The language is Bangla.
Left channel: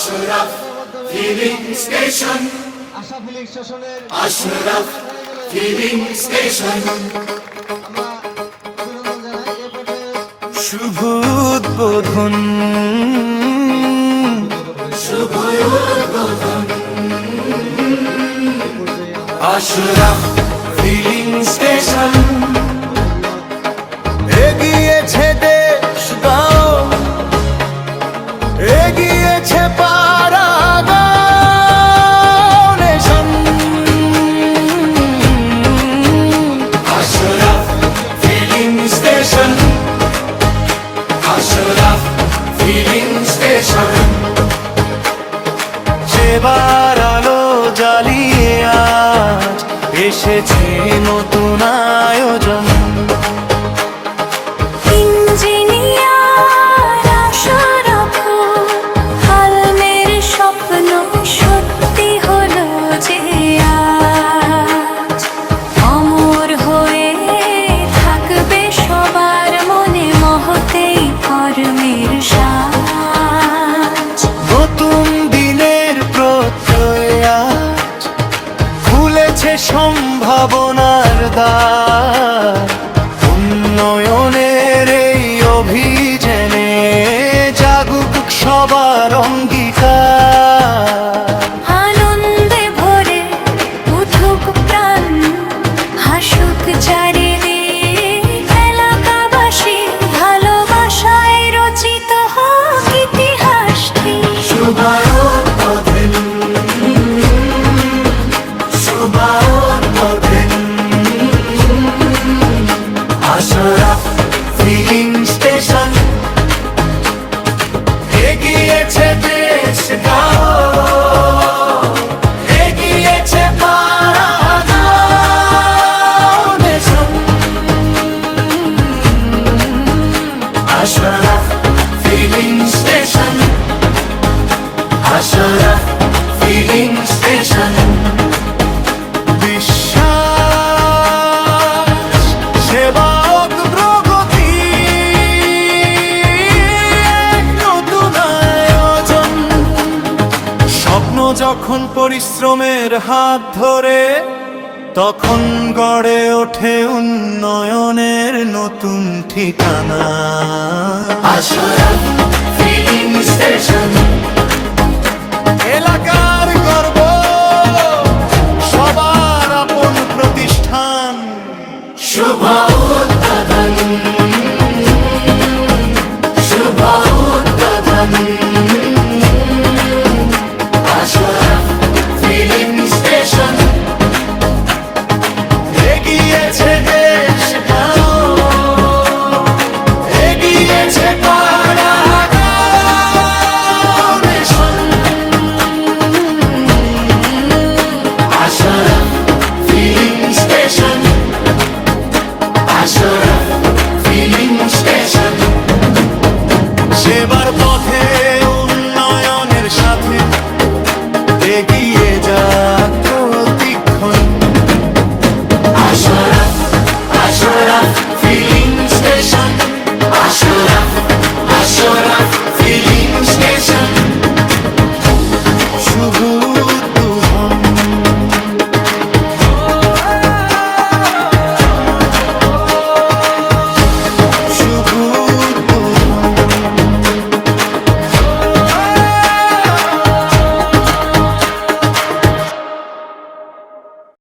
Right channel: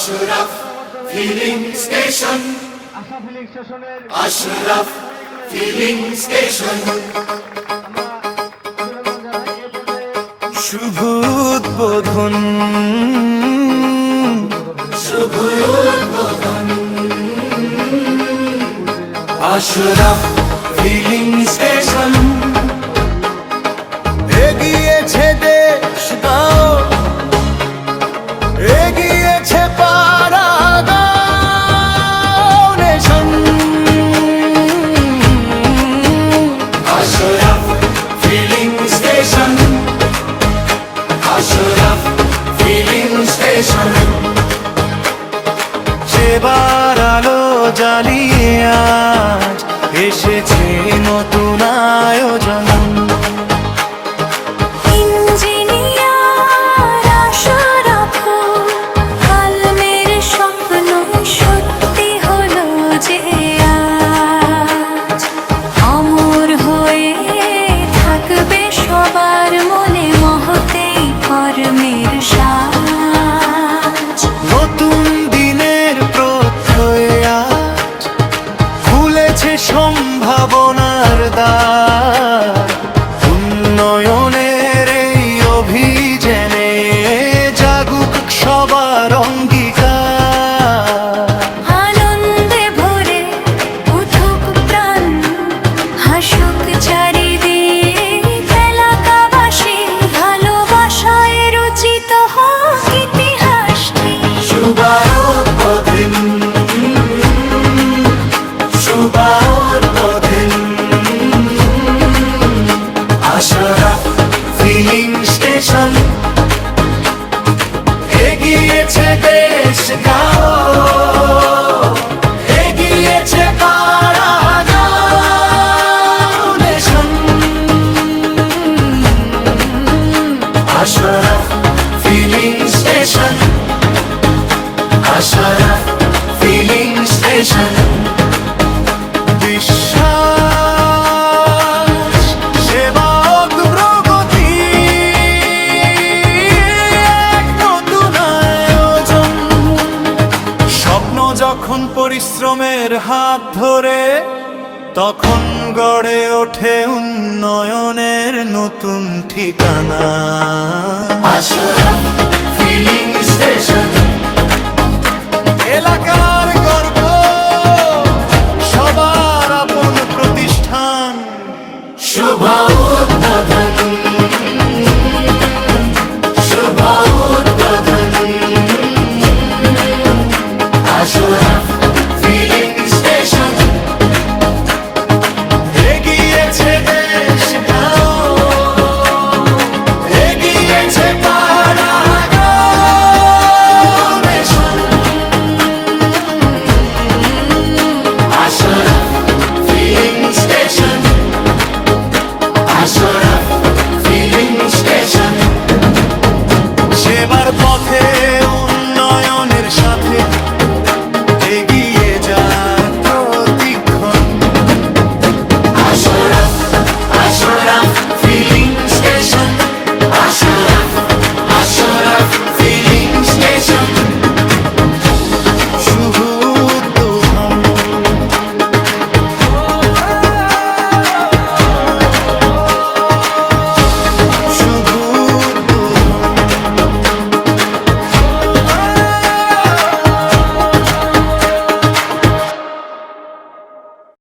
আশরাফ ফিলিং স্টেশন, আশা ফিলিং স্টেশনের আশরাফ ফিলিং স্টেশন। শুভ উদ্বোধন, শুভ উদ্বোধন, আশরাফ ফিলিং স্টেশন। এগিয়েছে দেশ গাঁও, এগিয়েছে পাড়া গাঁও nation. Ashraf filling station, Ashraf filling station. সেবার আলো জ্বালিয়ে আজ এসেছে নতুন আয়োজন। ইঞ্জিনিয়ার আশরাফ, কালমের স্বপ্ন সত্যি হলো যে আজ। অমর হয়ে থাকবে সবার মনে মহতেই কর্মের সাজ। নতুন দিনের প্রত্যয় আজ খুলেছে সম্ভাবনার দ্বার। উন্নয়নের এই অভিযানে জাগুক সবার অঙ্গীকার। আনন্দে ভরে উঠুক প্রাণ, হাসুক চারিদিক এলাকাবাসী, ভালোবাসায় রচিত হোক ইতিহাসটি। শুভ উদ্বোধন, শুভ উদ্বোধন, আশরাফ ফিলিং স্টেশন। এগিয়েছে দেশ গাঁও, এগিয়েছে পাড়া গাঁও nation. Ashraf filling station, Ashraf filling station. বিশ্বাস, সেবা, অগ্রগতি, এক নতুন আয়োজন। স্বপ্ন যখন পরিশ্রমের হাত ধরে, তখন গড়ে ওঠে উন্নয়নের নতুন ঠিকানা। Ashraf filling station.